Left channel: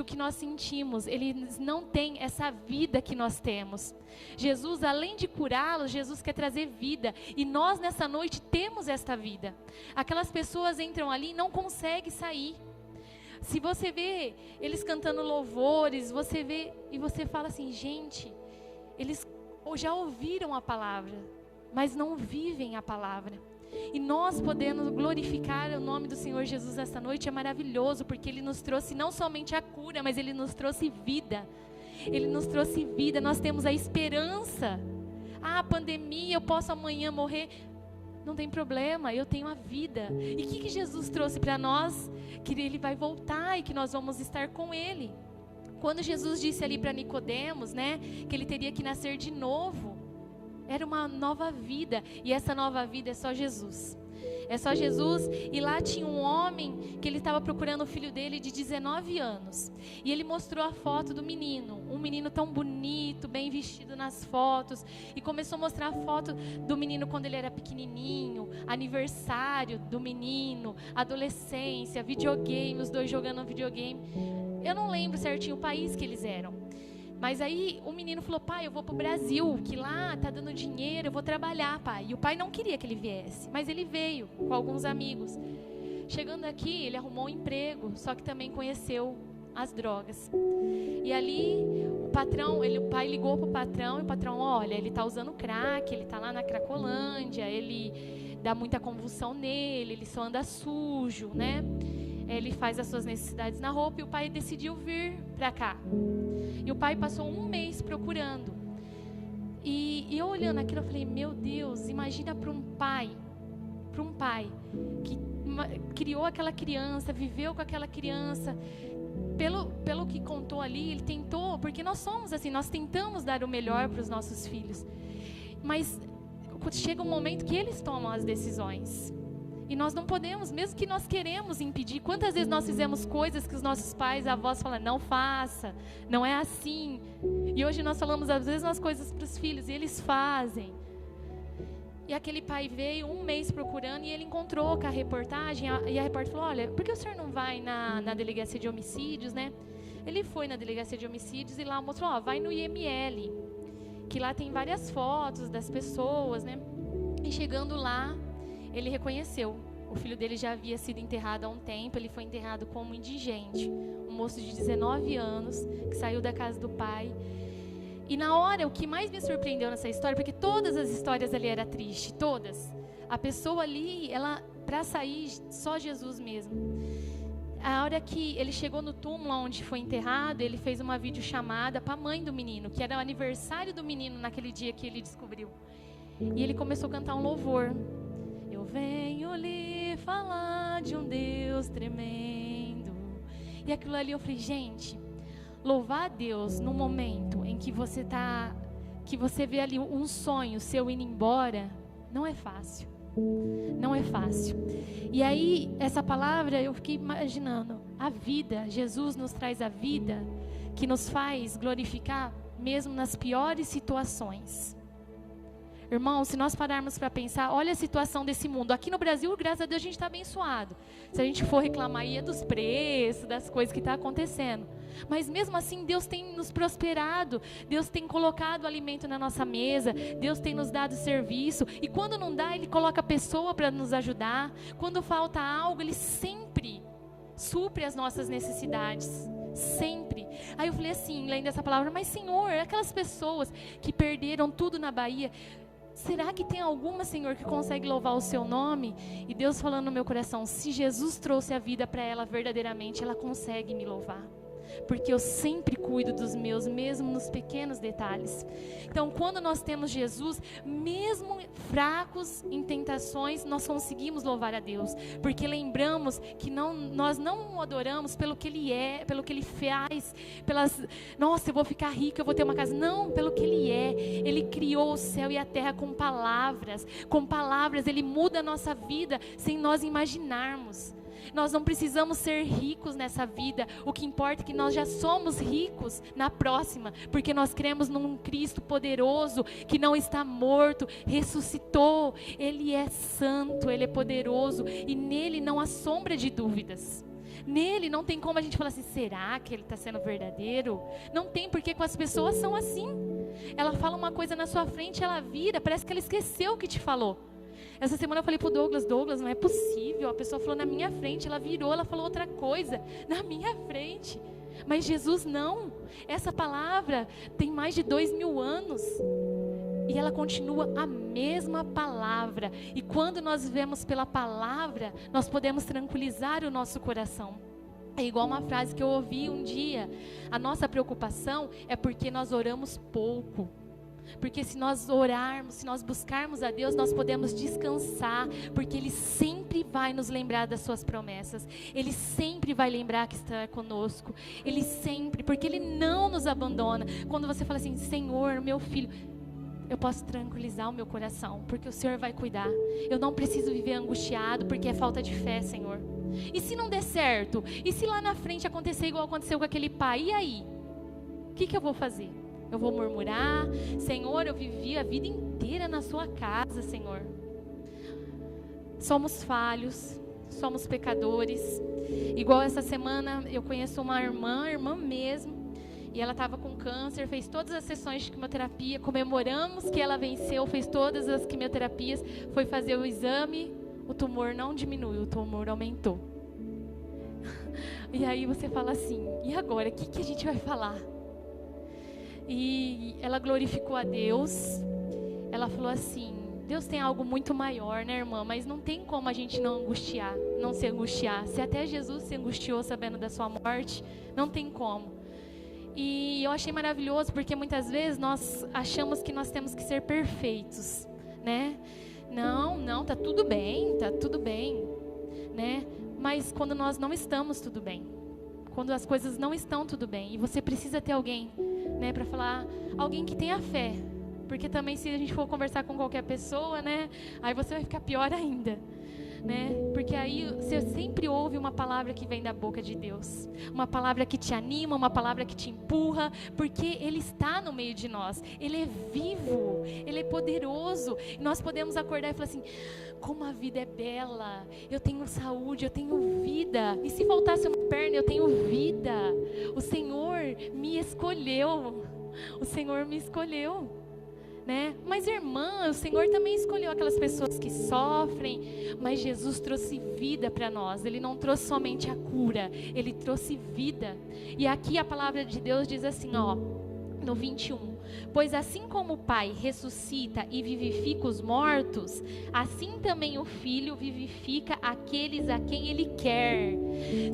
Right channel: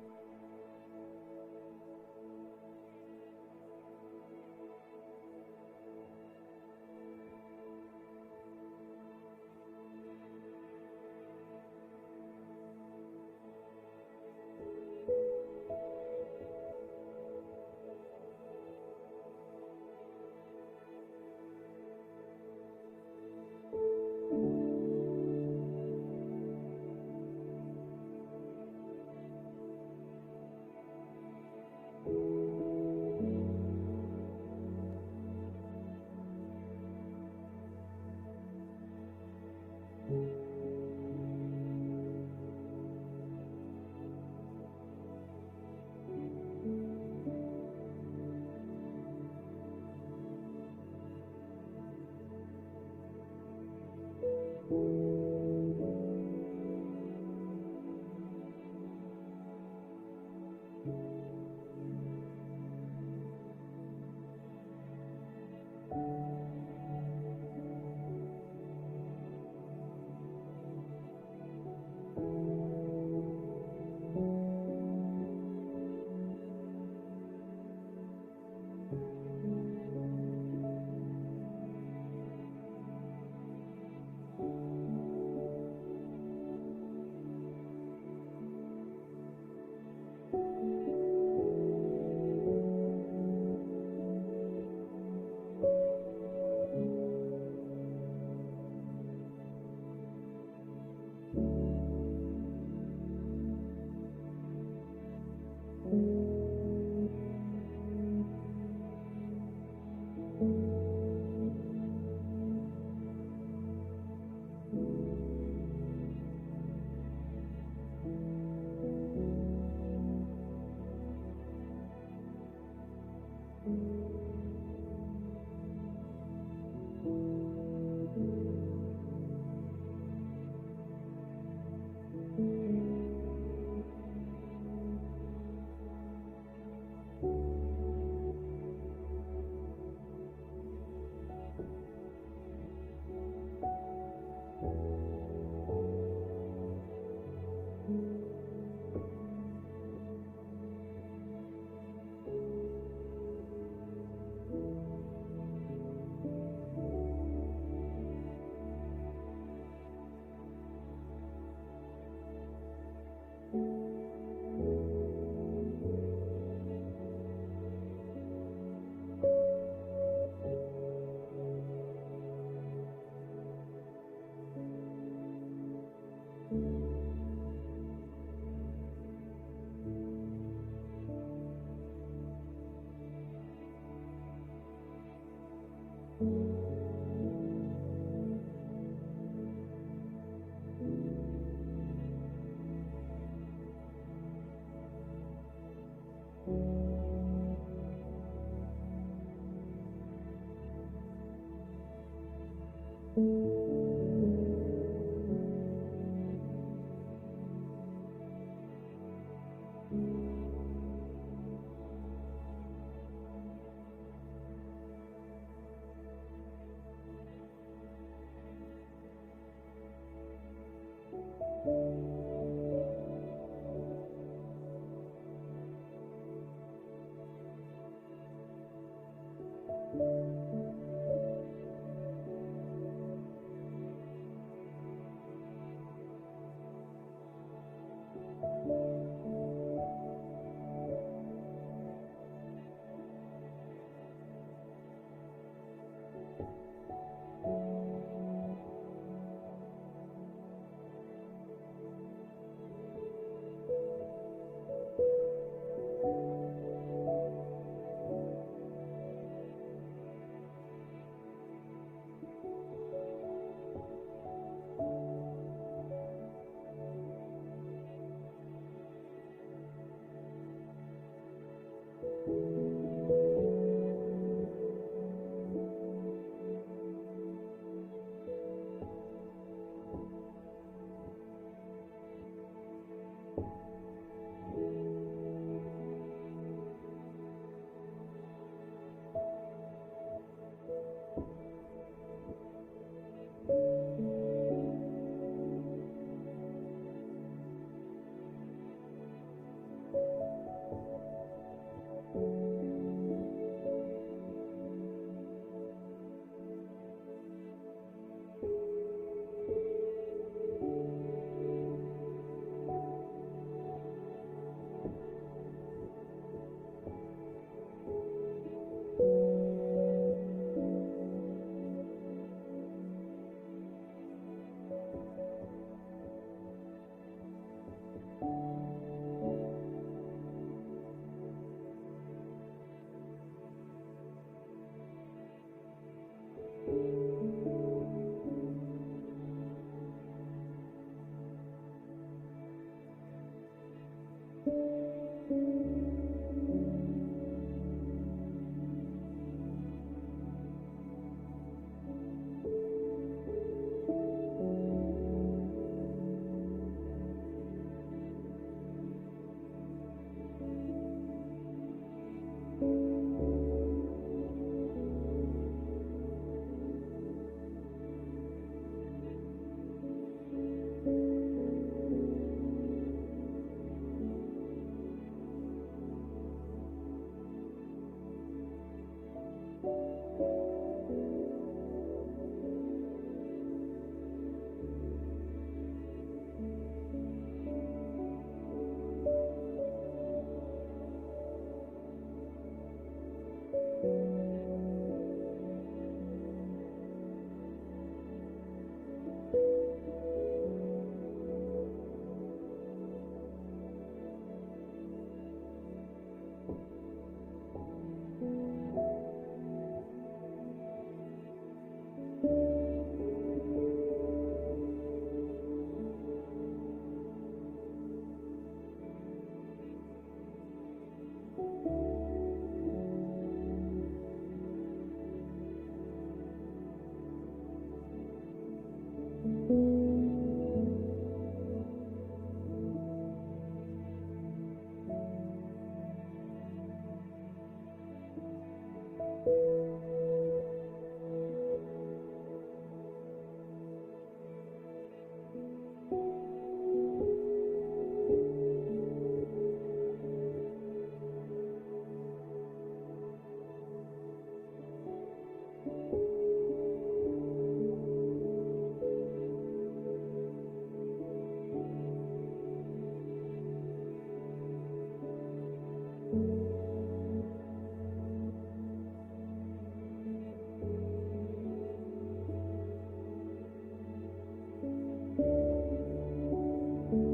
o que nós sentimos, eles não têm essa vida que nós temos. Jesus, além de curá-los, Jesus quer trazer vida, e nós nessa noite temos esta vida. Aquelas pessoas entram ali e não conseguem sair. Se você vê eles cantando louvores, você vê e você fala assim, gente, eles já ouviram a palavra, mas não vivem a palavra. E nós podemos glorificar o nome do Senhor Jesus nesta noite, é maravilhoso, porque Ele nos trouxe não somente a cura, mas Ele nos trouxe vida. Ele nos trouxe vida, nós temos a esperança. A pandemia, eu posso amanhã morrer, não tem problema, eu tenho a vida. E o que Jesus trouxe para nós? Que Ele vai voltar e que nós vamos estar com Ele. Quando Jesus disse ali para Nicodemos, né, que ele teria que nascer de novo, era uma nova vida, e essa nova vida é só Jesus. É só Jesus. E lá tinha um homem que ele estava procurando o filho dele de 19 anos. E ele mostrou a foto do menino, um menino tão bonito, bem vestido nas fotos. E começou a mostrar a foto do menino quando ele era pequenininho, aniversário do menino, adolescência, videogame, os dois jogando videogame. Eu não lembro certinho o país que eles eram. Mas aí o menino falou, pai, eu vou pro Brasil, que lá tá dando dinheiro, eu vou trabalhar, pai. E o pai não queria que ele viesse, mas ele veio com alguns amigos. Chegando aqui, ele arrumou um emprego, só que também conheceu as drogas. E ali o pai ligou pro patrão, e o patrão, olha, ele tá usando crack, ele tá lá na Cracolândia, ele dá muita convulsão nele, ele só anda sujo, né? Ele faz as suas necessidades na roupa, e o pai decidiu vir para cá. E o pai passou um mês procurando. E eu olhando aquilo, eu falei, meu Deus, imagina para um pai que criou aquela criança, viveu com aquela criança. Pelo que contou ali, ele tentou, porque nós somos assim, nós tentamos dar o melhor para os nossos filhos. Mas chega um momento que eles tomam as decisões. E nós não podemos, mesmo que nós queremos impedir. Quantas vezes nós fizemos coisas que os nossos pais, avós falam, não faça, não é assim. E hoje nós falamos às vezes umas coisas para os filhos e eles fazem. E aquele pai veio um mês procurando e ele encontrou com a reportagem. E a repórter falou, olha, por que o senhor não vai na delegacia de homicídios, né? Ele foi na delegacia de homicídios e lá mostrou, ó, vai no IML, que lá tem várias fotos das pessoas, né? E chegando lá, ele reconheceu, o filho dele já havia sido enterrado há um tempo, ele foi enterrado como indigente, um moço de 19 anos, que saiu da casa do pai. E na hora, o que mais me surpreendeu nessa história, porque todas as histórias ali eram tristes, todas. A pessoa ali, ela, para sair, só Jesus mesmo. A hora que ele chegou no túmulo onde foi enterrado, ele fez uma videochamada para a mãe do menino, que era o aniversário do menino naquele dia que ele descobriu. E ele começou a cantar um louvor. Venho lhe falar de um Deus tremendo. E aquilo ali eu falei, gente, louvar a Deus no momento em que você vê ali um sonho seu indo embora, não é fácil. Não é fácil. E aí, essa palavra, eu fiquei imaginando, a vida, Jesus nos traz a vida que nos faz glorificar mesmo nas piores situações. Irmão, se nós pararmos para pensar, olha a situação desse mundo. Aqui no Brasil, graças a Deus, a gente está abençoado. Se a gente for reclamar aí é dos preços, das coisas que estão acontecendo. Mas mesmo assim, Deus tem nos prosperado. Deus tem colocado alimento na nossa mesa. Deus tem nos dado serviço. E quando não dá, Ele coloca pessoa para nos ajudar. Quando falta algo, Ele sempre supre as nossas necessidades. Sempre. Aí eu falei assim, lendo essa palavra, mas Senhor, aquelas pessoas que perderam tudo na Bahia, será que tem alguma, Senhor, que consegue louvar o seu nome? E Deus falando no meu coração, se Jesus trouxe a vida para ela verdadeiramente, ela consegue me louvar. Porque eu sempre cuido dos meus, mesmo nos pequenos detalhes. Então, quando nós temos Jesus, mesmo fracos em tentações, nós conseguimos louvar a Deus. Porque lembramos que nós não o adoramos pelo que Ele é, pelo que Ele faz, nossa, eu vou ficar rico, eu vou ter uma casa. Não, pelo que Ele é. Ele criou o céu e a terra com palavras. Com palavras, Ele muda a nossa vida sem nós imaginarmos. Nós não precisamos ser ricos nessa vida. O que importa é que nós já somos ricos na próxima, porque nós cremos num Cristo poderoso, que não está morto, ressuscitou. Ele é santo, Ele é poderoso, e nele não há sombra de dúvidas. Nele não tem como a gente falar assim, será que ele está sendo verdadeiro? Não tem, porque com as pessoas são assim. Ela fala uma coisa na sua frente, ela vira, parece que ela esqueceu o que te falou. Essa semana eu falei pro Douglas, não é possível, a pessoa falou na minha frente, ela virou, ela falou outra coisa, na minha frente. Mas Jesus não, essa palavra tem mais de 2000 anos, e ela continua a mesma palavra, e quando nós vivemos pela palavra, nós podemos tranquilizar o nosso coração. É igual uma frase que eu ouvi um dia, a nossa preocupação é porque nós oramos pouco. Porque se nós orarmos, se nós buscarmos a Deus, nós podemos descansar, porque Ele sempre vai nos lembrar das suas promessas, Ele sempre vai lembrar que está conosco, Ele sempre, porque Ele não nos abandona. Quando você fala assim, Senhor, meu filho, eu posso tranquilizar o meu coração, porque o Senhor vai cuidar. Eu não preciso viver angustiado, porque é falta de fé, Senhor. E se não der certo? E se lá na frente acontecer igual aconteceu com aquele pai? E aí? O que eu vou fazer? Eu vou murmurar? Senhor, eu vivi a vida inteira na sua casa, Senhor. Somos falhos, somos pecadores. Igual essa semana eu conheço uma irmã mesmo, e ela estava com câncer, fez todas as sessões de quimioterapia, comemoramos que ela venceu, fez todas as quimioterapias, foi fazer o exame, o tumor não diminuiu, o tumor aumentou. E aí você fala assim, e agora, o que a gente vai falar? E ela glorificou a Deus, ela falou assim, Deus tem algo muito maior, né, irmã? Mas não tem como a gente não se angustiar. Se até Jesus se angustiou sabendo da sua morte, não tem como. E eu achei maravilhoso, porque muitas vezes nós achamos que nós temos que ser perfeitos, né? Não, tá tudo bem, né? Mas quando nós não estamos tudo bem, quando as coisas não estão tudo bem, e você precisa ter alguém, né, para falar, alguém que tenha fé, porque também se a gente for conversar com qualquer pessoa, né, aí você vai ficar pior ainda, né, porque aí você sempre ouve uma palavra que vem da boca de Deus, uma palavra que te anima, uma palavra que te empurra, porque Ele está no meio de nós, Ele é vivo, Ele é poderoso, e nós podemos acordar e falar assim, como a vida é bela, eu tenho saúde, eu tenho vida, e se faltasse uma perna, eu tenho vida, o Senhor me escolheu, né? Mas irmã, o Senhor também escolheu aquelas pessoas que sofrem, mas Jesus trouxe vida para nós, Ele não trouxe somente a cura, Ele trouxe vida, e aqui a palavra de Deus diz assim, ó, no 21, pois assim como o Pai ressuscita e vivifica os mortos, assim também o Filho vivifica aqueles a quem Ele quer.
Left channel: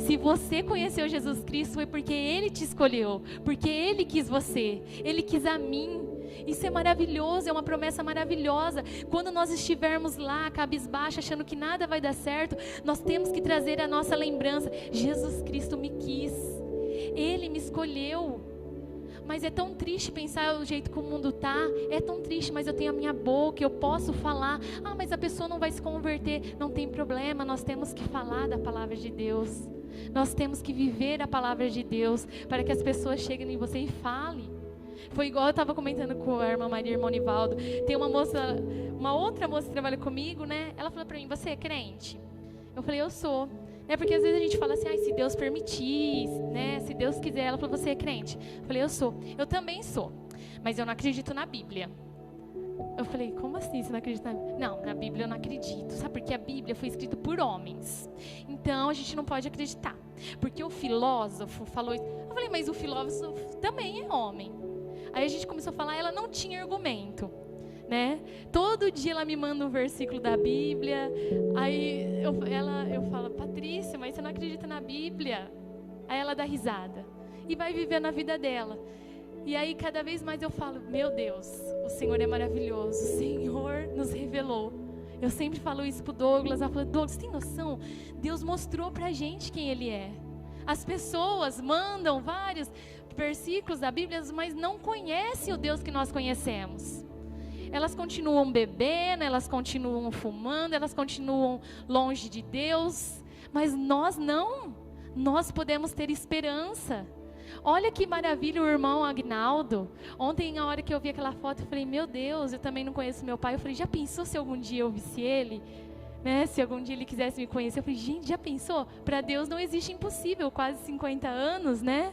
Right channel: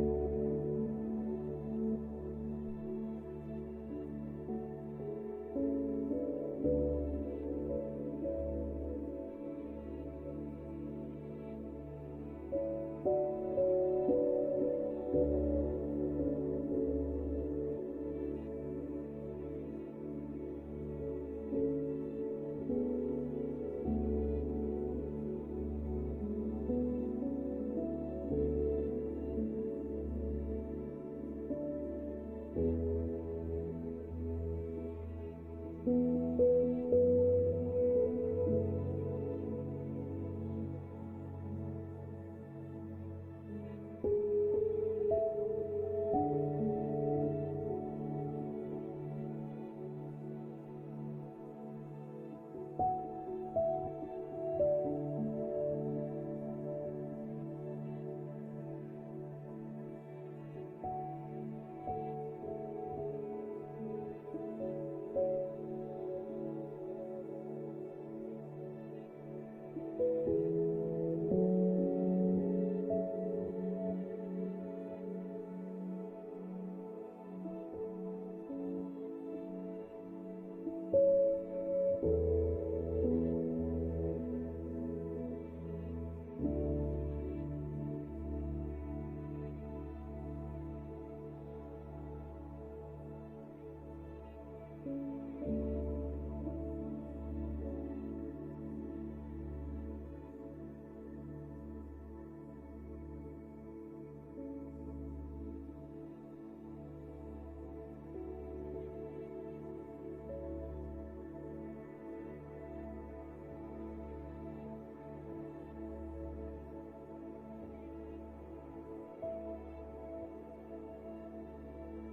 Se você conheceu Jesus Cristo, foi porque Ele te escolheu, porque Ele quis você, Ele quis a mim. Isso é maravilhoso, é uma promessa maravilhosa. Quando nós estivermos lá, cabisbaixo, achando que nada vai dar certo, nós temos que trazer a nossa lembrança, Jesus Cristo me quis, Ele me escolheu. Mas é tão triste pensar o jeito que o mundo está, é tão triste, mas eu tenho a minha boca, eu posso falar, mas a pessoa não vai se converter, não tem problema, nós temos que falar da palavra de Deus, nós temos que viver a palavra de Deus, para que as pessoas cheguem em você e falem. Foi igual eu estava comentando com a irmã Maria, irmão Nivaldo, tem uma outra moça que trabalha comigo, né, ela falou para mim, você é crente? Eu falei, eu sou. Porque às vezes a gente fala assim, se Deus permitir, né, se Deus quiser. Ela falou, você é crente? Eu falei, eu sou. Eu também sou, mas eu não acredito na Bíblia. Eu falei, como assim você não acredita na Bíblia? Não, na Bíblia eu não acredito. Sabe, porque a Bíblia foi escrita por homens, então a gente não pode acreditar, porque o filósofo falou isso. Eu falei, mas o filósofo também é homem. Aí a gente começou a falar, ela não tinha argumento, né? Todo dia ela me manda um versículo da Bíblia, aí eu falo, Patrícia, mas você não acredita na Bíblia? Aí ela dá risada e vai vivendo a vida dela. E aí cada vez mais eu falo, meu Deus, o Senhor é maravilhoso, o Senhor nos revelou. Eu sempre falo isso pro Douglas, ela fala, Douglas, tem noção? Deus mostrou pra gente quem Ele é. As pessoas mandam vários versículos da Bíblia, mas não conhecem o Deus que nós conhecemos. Elas continuam bebendo, elas continuam fumando, elas continuam longe de Deus, mas nós não, nós podemos ter esperança. Olha que maravilha o irmão Agnaldo. Ontem, na hora que eu vi aquela foto, eu falei, meu Deus, eu também não conheço meu pai. Eu falei, já pensou se algum dia eu visse ele? né? Se algum dia ele quisesse me conhecer, eu falei, gente, já pensou? Para Deus não existe impossível, quase 50 anos, né?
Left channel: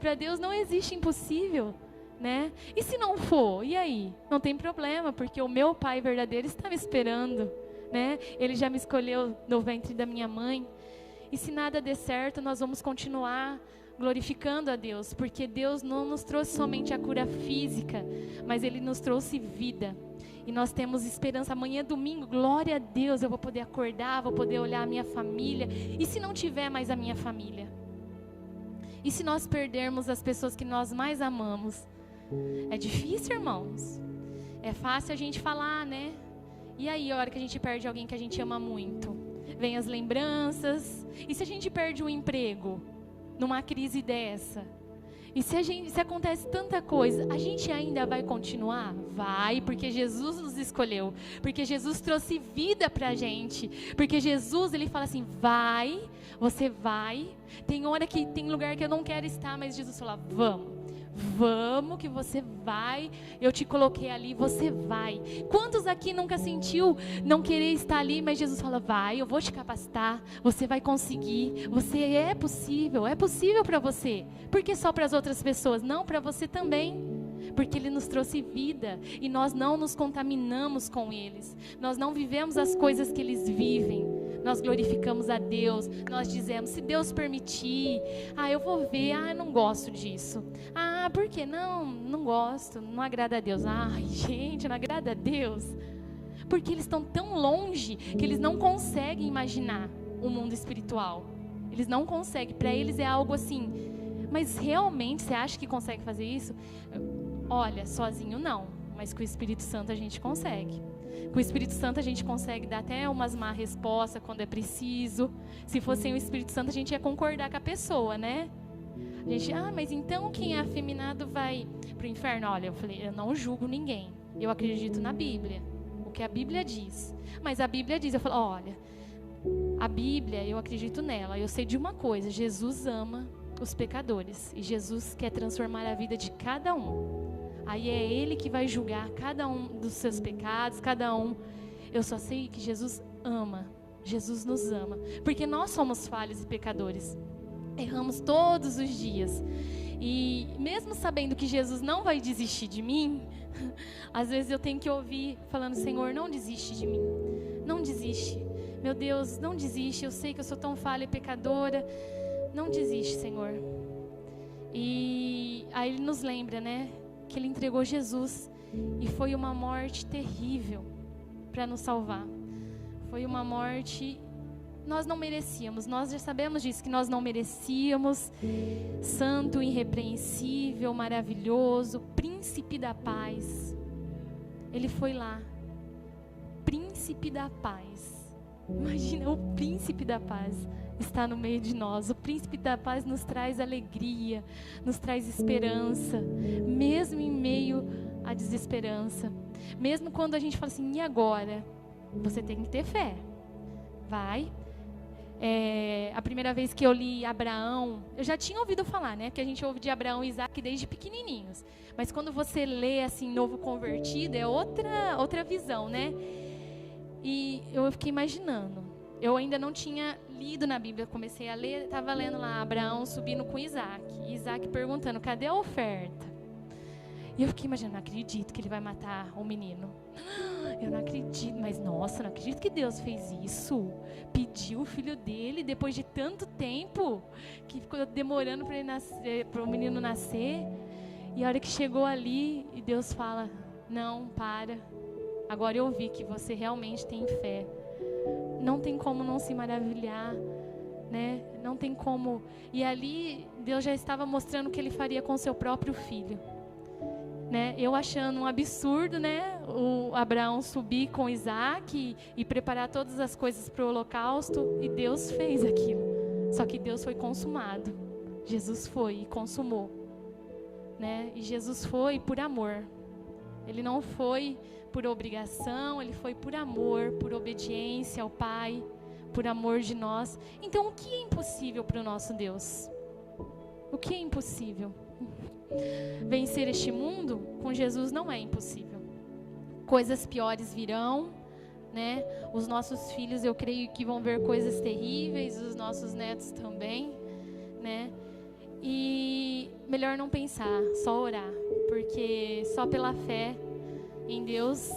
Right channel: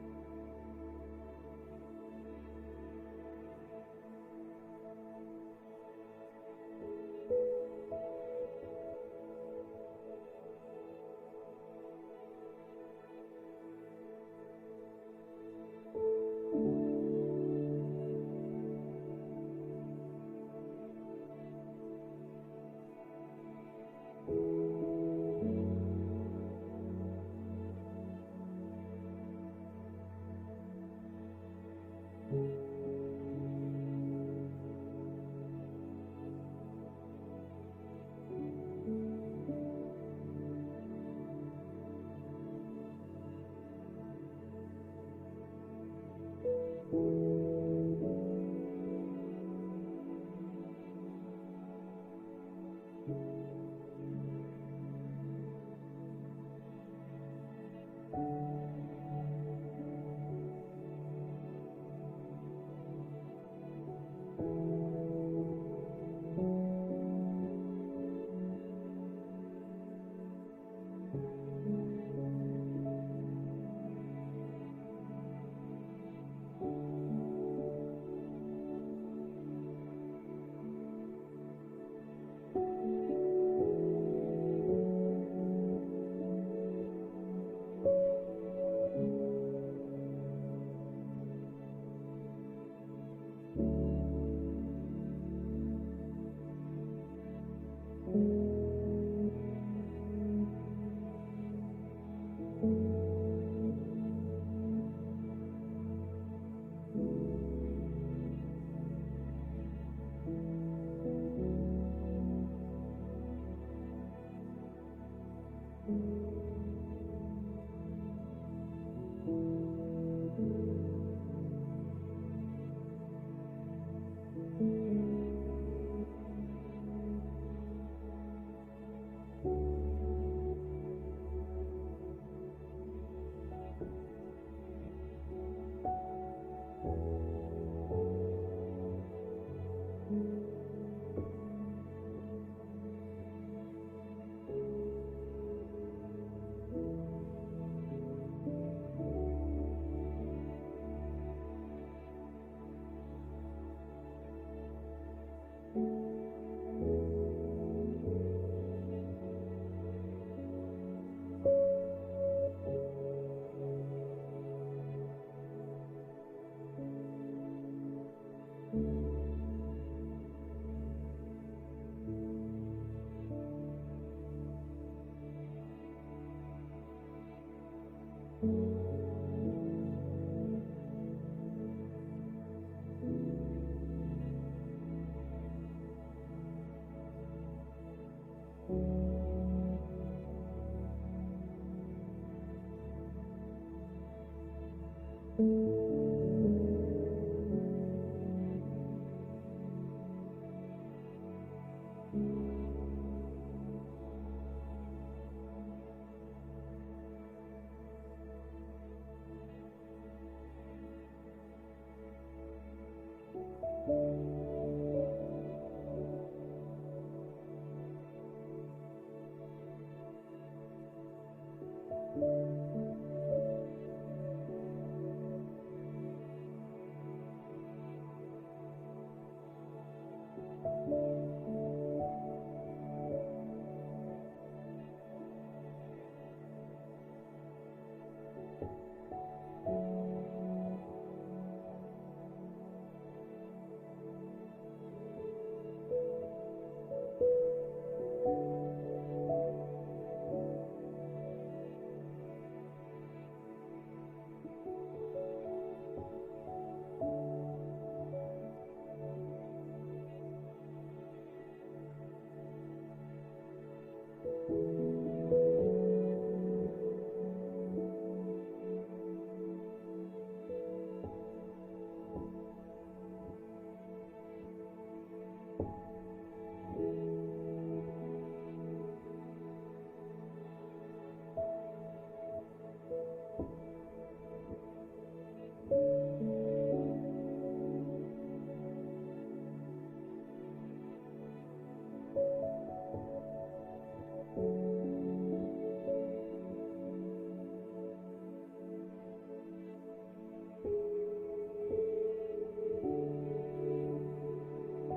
Para Deus não existe impossível, né? E se não for, e aí? Não tem problema, porque o meu Pai verdadeiro está me esperando, né? Ele já me escolheu no ventre da minha mãe. E se nada der certo, nós vamos continuar glorificando a Deus, porque Deus não nos trouxe somente a cura física, mas Ele nos trouxe vida. E nós temos esperança. Amanhã é domingo, glória a Deus, eu vou poder acordar, vou poder olhar a minha família. E se não tiver mais a minha família? E se nós perdermos as pessoas que nós mais amamos? É difícil, irmãos. É fácil a gente falar, né? E aí, a hora que a gente perde alguém que a gente ama muito? Vem as lembranças. E se a gente perde o emprego numa crise dessa? E se acontece tanta coisa, a gente ainda vai continuar? Vai, porque Jesus nos escolheu. Porque Jesus trouxe vida pra gente. Porque Jesus, Ele fala assim, vai, você vai. Tem hora que tem lugar que eu não quero estar, mas Jesus fala, vamos que você vai, eu te coloquei ali, você vai. Quantos aqui nunca sentiu não querer estar ali, mas Jesus fala, vai, eu vou te capacitar, você vai conseguir, é possível para você. Por que só para as outras pessoas? Não, para você também. Porque Ele nos trouxe vida e nós não nos contaminamos com eles. Nós não vivemos as coisas que eles vivem. Nós glorificamos a Deus. Nós dizemos, se Deus permitir, eu vou ver, eu não gosto disso. Por que não gosto, não agrada a Deus. Ai, gente, não agrada a Deus. Porque eles estão tão longe que eles não conseguem imaginar o mundo espiritual. Eles não conseguem, para eles é algo assim. Mas realmente você acha que consegue fazer isso? Olha, sozinho não, mas com o Espírito Santo a gente consegue. Com o Espírito Santo a gente consegue dar até umas má respostas quando é preciso. Se fosse sem o Espírito Santo a gente ia concordar com a pessoa, né? A gente, mas então quem é afeminado vai pro inferno? Olha, eu falei, eu não julgo ninguém. Eu acredito na Bíblia, o que a Bíblia diz. Mas a Bíblia diz, eu falo, olha, a Bíblia, eu acredito nela. Eu sei de uma coisa, Jesus ama os pecadores. E Jesus quer transformar a vida de cada um. Aí é Ele que vai julgar cada um dos seus pecados, cada um. Eu só sei que Jesus ama. Jesus nos ama. Porque nós somos falhos e pecadores. Erramos todos os dias. E mesmo sabendo que Jesus não vai desistir de mim, às vezes eu tenho que ouvir falando, Senhor, não desiste de mim. Não desiste. Meu Deus, não desiste. Eu sei que eu sou tão falha e pecadora. Não desiste, Senhor. E aí Ele nos lembra, né? Que Ele entregou Jesus. E foi uma morte terrível para nos salvar. Foi uma morte... Nós não merecíamos, nós já sabemos disso, que nós não merecíamos. Santo, irrepreensível, maravilhoso, príncipe da paz. Ele foi lá, príncipe da paz. Imagina, o príncipe da paz está no meio de nós. O príncipe da paz nos traz alegria, nos traz esperança, mesmo em meio à desesperança. Mesmo quando a gente fala assim, e agora? Você tem que ter fé. Vai. A primeira vez que eu li Abraão, eu já tinha ouvido falar, né? Porque a gente ouve de Abraão e Isaac desde pequenininhos. Mas quando você lê assim, novo convertido, é outra visão, né? E eu fiquei imaginando. Eu ainda não tinha lido na Bíblia, comecei a ler, estava lendo lá Abraão subindo com Isaac. E Isaac perguntando, cadê a oferta? E eu fiquei imaginando, não acredito que ele vai matar o menino. Eu não acredito, mas nossa, não acredito que Deus fez isso. Pediu o filho dele depois de tanto tempo que ficou demorando para ele nascer, para o menino nascer. E a hora que chegou ali, e Deus fala, não, para. Agora eu vi que você realmente tem fé. Não tem como não se maravilhar, né? Não tem como. E ali Deus já estava mostrando o que Ele faria com seu próprio filho. Né? Eu achando um absurdo, né? O Abraão subir com Isaac e preparar todas as coisas para o holocausto, e Deus fez aquilo. Só que Deus foi consumado. Jesus foi e consumou, né? E Jesus foi por amor. Ele não foi por obrigação, Ele foi por amor, por obediência ao Pai, por amor de nós. Então, o que é impossível para o nosso Deus? O que é impossível? Vencer este mundo com Jesus não é impossível. Coisas piores virão, né? Os nossos filhos, eu creio que vão ver coisas terríveis, os nossos netos também, né? E melhor não pensar, só orar, porque só pela fé em Deus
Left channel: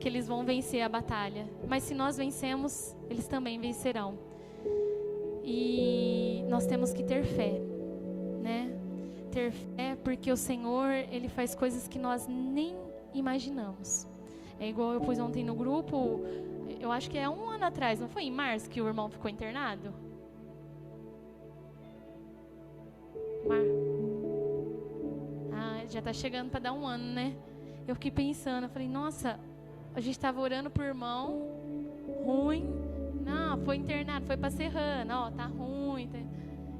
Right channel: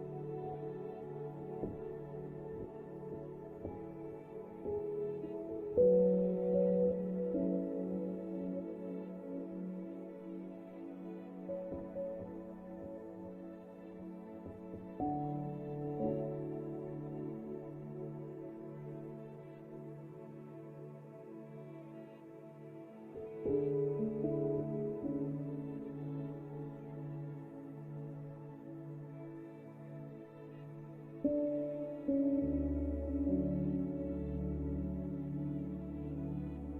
que eles vão vencer a batalha. Mas se nós vencemos, eles também vencerão. E nós temos que ter fé, né? Ter fé, porque o Senhor, Ele faz coisas que nós nem imaginamos. É igual eu pus ontem no grupo, eu acho que é 1 ano atrás, não foi em março que o irmão ficou internado? Já tá chegando para dar 1 ano, né? Eu fiquei pensando, eu falei, nossa, a gente estava orando por irmão, ruim, não, foi internado, foi para Serrana, ó, tá ruim, tá...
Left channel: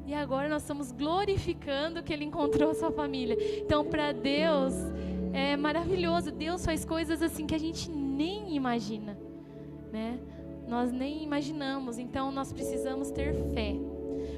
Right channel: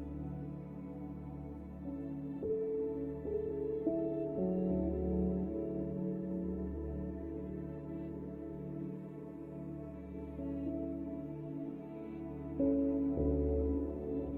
E agora nós estamos glorificando que ele encontrou a sua família. Então, para Deus, é maravilhoso. Deus faz coisas assim que a gente nem imagina, né? Nós nem imaginamos. Então, nós precisamos ter fé.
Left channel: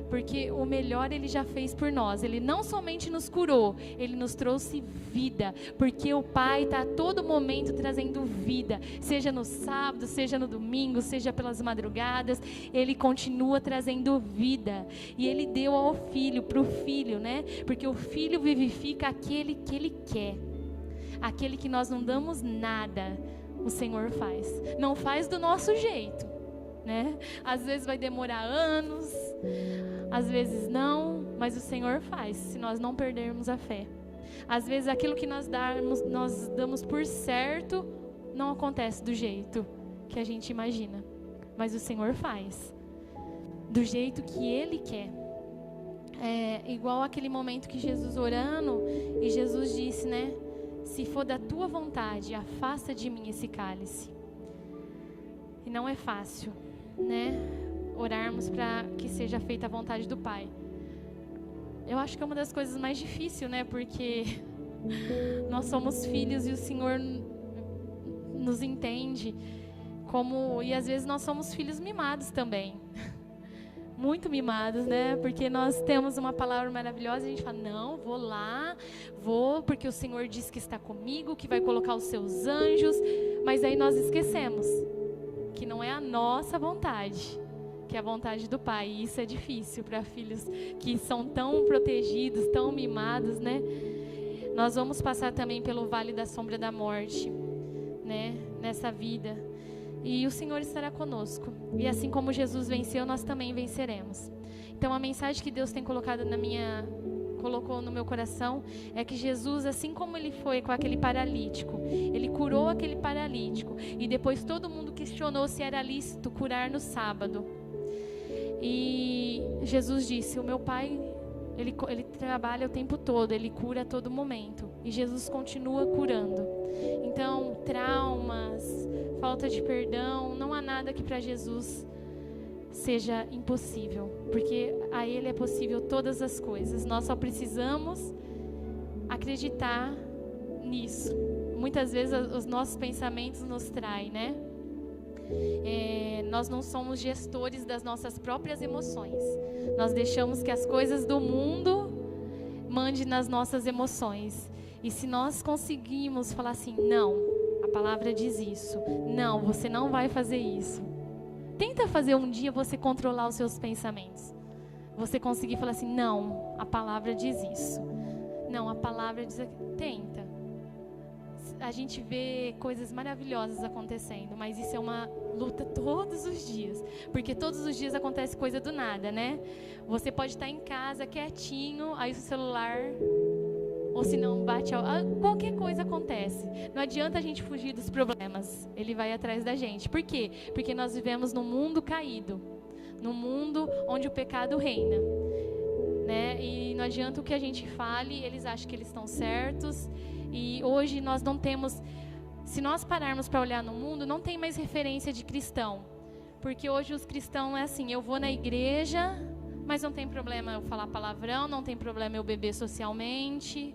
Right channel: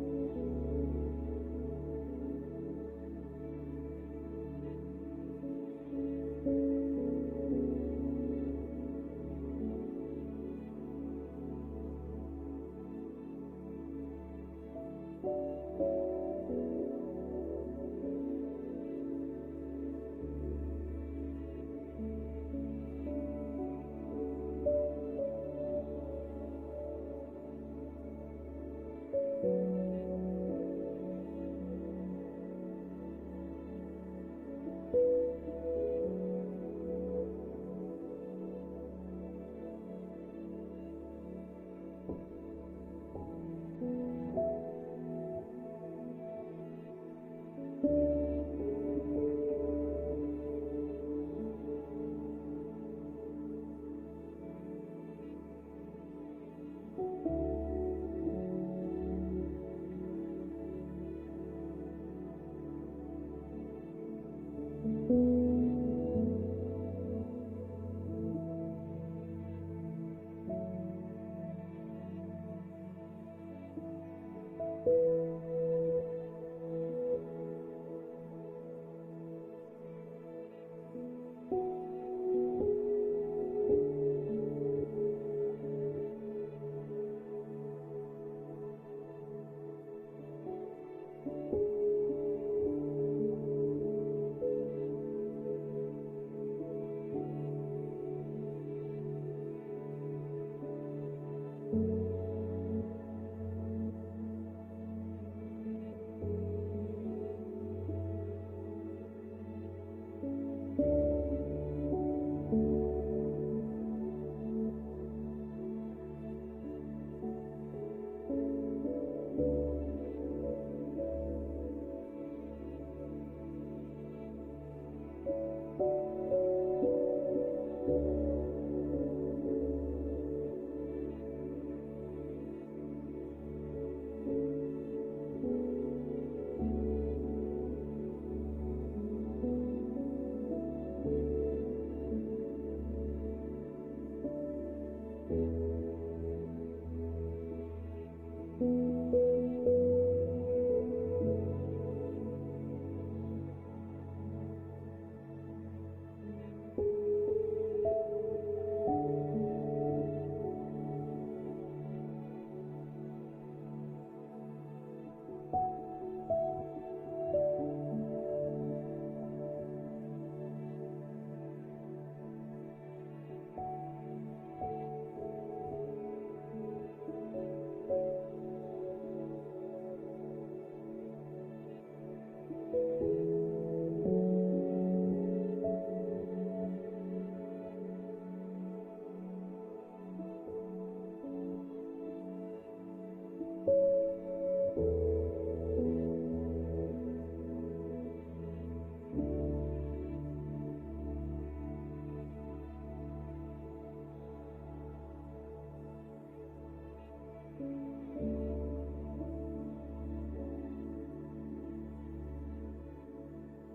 Porque o melhor Ele já fez por nós. Ele não somente nos curou, Ele nos trouxe vida. Porque o Pai está a todo momento trazendo vida. Seja no sábado, seja no domingo, seja pelas madrugadas. Ele continua trazendo vida. E Ele deu ao Filho, para o Filho, né? Porque o Filho vivifica aquele que Ele quer. Aquele que nós não damos nada, o Senhor faz. Não faz do nosso jeito, né? Às vezes vai demorar anos, às vezes não, mas o Senhor faz, se nós não perdermos a fé. Às vezes aquilo que nós damos por certo, não acontece do jeito que a gente imagina, mas o Senhor faz, do jeito que Ele quer. É igual aquele momento que Jesus orando, e Jesus disse, né? Se for da tua vontade, afasta de mim esse cálice. E não é fácil, né? Orarmos para que seja feita a vontade do Pai. Eu acho que é uma das coisas mais difíceis, né? Porque nós somos filhos e o Senhor nos entende como... E às vezes nós somos filhos mimados também. Muito mimados, né? Porque nós temos uma palavra maravilhosa e a gente fala, não, vou lá, porque o Senhor diz que está comigo, que vai colocar os seus anjos. Mas aí nós esquecemos que não é a nossa vontade, que é a vontade do Pai. E isso é difícil para filhos que são tão protegidos, tão mimados, né? Nós vamos passar também pelo vale da sombra da morte, né? Nessa vida. E o Senhor estará conosco. E assim como Jesus venceu, nós também venceremos. Então a mensagem que Deus tem colocado colocou no meu coração é que Jesus, assim como Ele foi com aquele paralítico, Ele curou aquele paralítico. E depois todo mundo questionou se era lícito curar no sábado. E Jesus disse, o meu Pai, ele trabalha o tempo todo, Ele cura a todo momento. E Jesus continua curando. Então, traumas, falta de perdão, não há nada que para Jesus seja impossível, porque a Ele é possível todas as coisas. Nós só precisamos acreditar nisso. Muitas vezes os nossos pensamentos nos traem, né? Nós não somos gestores das nossas próprias emoções. Nós deixamos que as coisas do mundo mandem nas nossas emoções. E se nós conseguimos falar assim, não, a palavra diz isso, não, você não vai fazer isso. Tenta fazer um dia você controlar os seus pensamentos. Você conseguir falar assim, não, a palavra diz isso. Não, a palavra diz aquilo. Tenta. A gente vê coisas maravilhosas acontecendo, mas isso é uma luta todos os dias. Porque todos os dias acontece coisa do nada, né? Você pode estar em casa, quietinho, aí o celular... Ou se não bate, qualquer coisa acontece. Não adianta a gente fugir dos problemas. Ele vai atrás da gente. Por quê? Porque nós vivemos num mundo caído. Num mundo onde o pecado reina, né? E não adianta o que a gente fale, eles acham que eles estão certos. E hoje nós não temos... Se nós pararmos para olhar no mundo, não tem mais referência de cristão. Porque hoje os cristãos é assim, eu vou na igreja, mas não tem problema eu falar palavrão, não tem problema eu beber socialmente...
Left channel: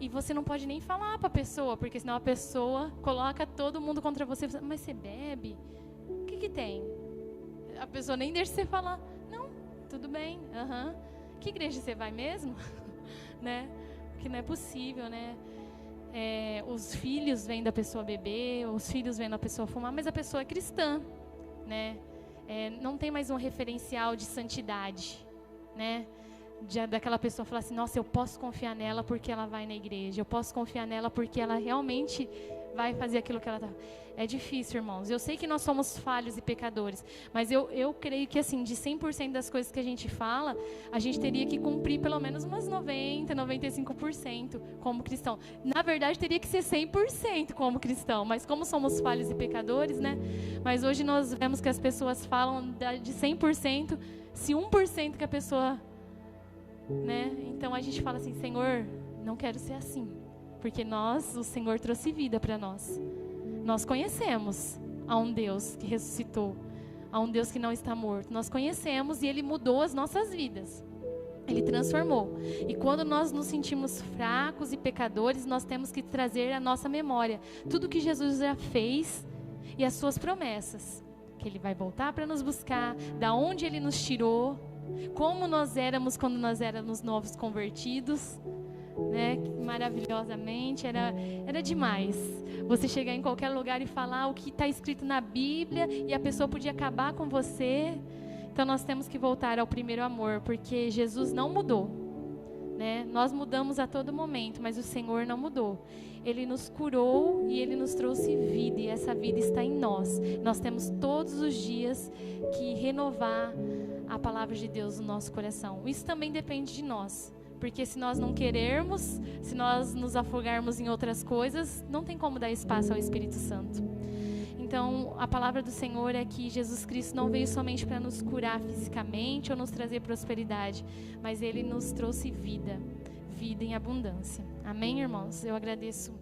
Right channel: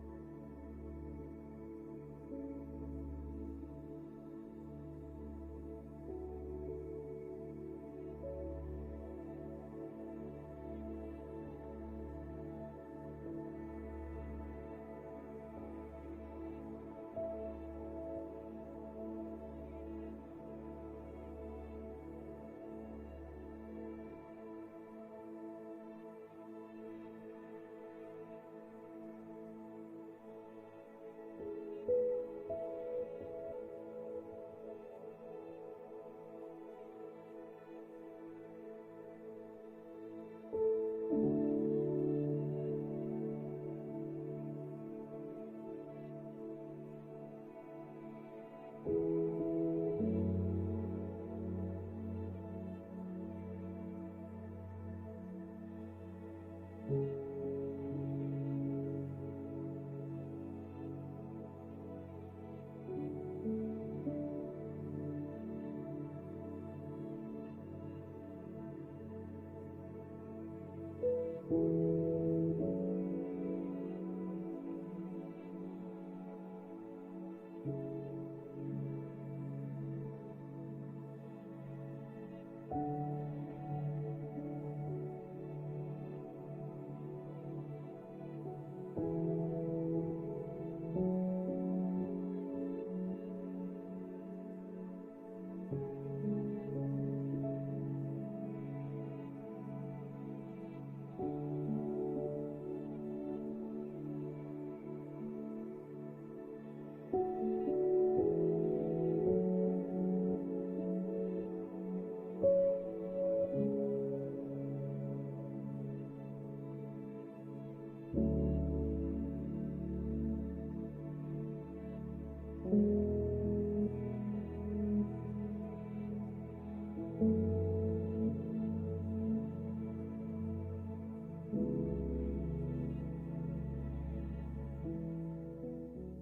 E você não pode nem falar para a pessoa, porque senão a pessoa coloca todo mundo contra você. Mas você bebe? O que tem? A pessoa nem deixa você falar. Não, tudo bem. Que igreja você vai mesmo? Né? Porque não é possível, né? os filhos vêm da pessoa beber, os filhos vêm da pessoa fumar, mas a pessoa é cristã, né? Não tem mais um referencial de santidade, né? Daquela pessoa falar assim, nossa, eu posso confiar nela porque ela vai na igreja, eu posso confiar nela porque ela realmente vai fazer aquilo que ela está... É difícil, irmãos. Eu sei que nós somos falhos e pecadores, mas eu creio que, assim, de 100% das coisas que a gente fala, a gente teria que cumprir pelo menos umas 90%, 95% como cristão. Na verdade, teria que ser 100% como cristão, mas como somos falhos e pecadores, né? Mas hoje nós vemos que as pessoas falam de 100%, se 1% que a pessoa... né? Então a gente fala assim, Senhor, não quero ser assim, porque o Senhor trouxe vida para nós. Nós conhecemos a um Deus que ressuscitou, a um Deus que não está morto. Nós conhecemos e Ele mudou as nossas vidas. Ele transformou. E quando nós nos sentimos fracos e pecadores, nós temos que trazer à nossa memória tudo que Jesus já fez e as suas promessas, que Ele vai voltar para nos buscar, da onde Ele nos tirou, como nós éramos quando nós éramos novos convertidos, né? Maravilhosamente, era demais. Você chegar em qualquer lugar e falar o que está escrito na Bíblia e a pessoa podia acabar com você. Então nós temos que voltar ao primeiro amor, porque Jesus não mudou, né? Nós mudamos a todo momento, mas o Senhor não mudou. Ele nos curou e Ele nos trouxe vida, e essa vida está em nós. Nós temos todos os dias que renovar a palavra de Deus no nosso coração. Isso também depende de nós, porque se nós não querermos, se nós nos afogarmos em outras coisas, não tem como dar espaço ao Espírito Santo. Então, a palavra do Senhor é que Jesus Cristo não veio somente para nos curar fisicamente ou nos trazer prosperidade, mas Ele nos trouxe vida, vida em abundância. Amém, irmãos? Eu agradeço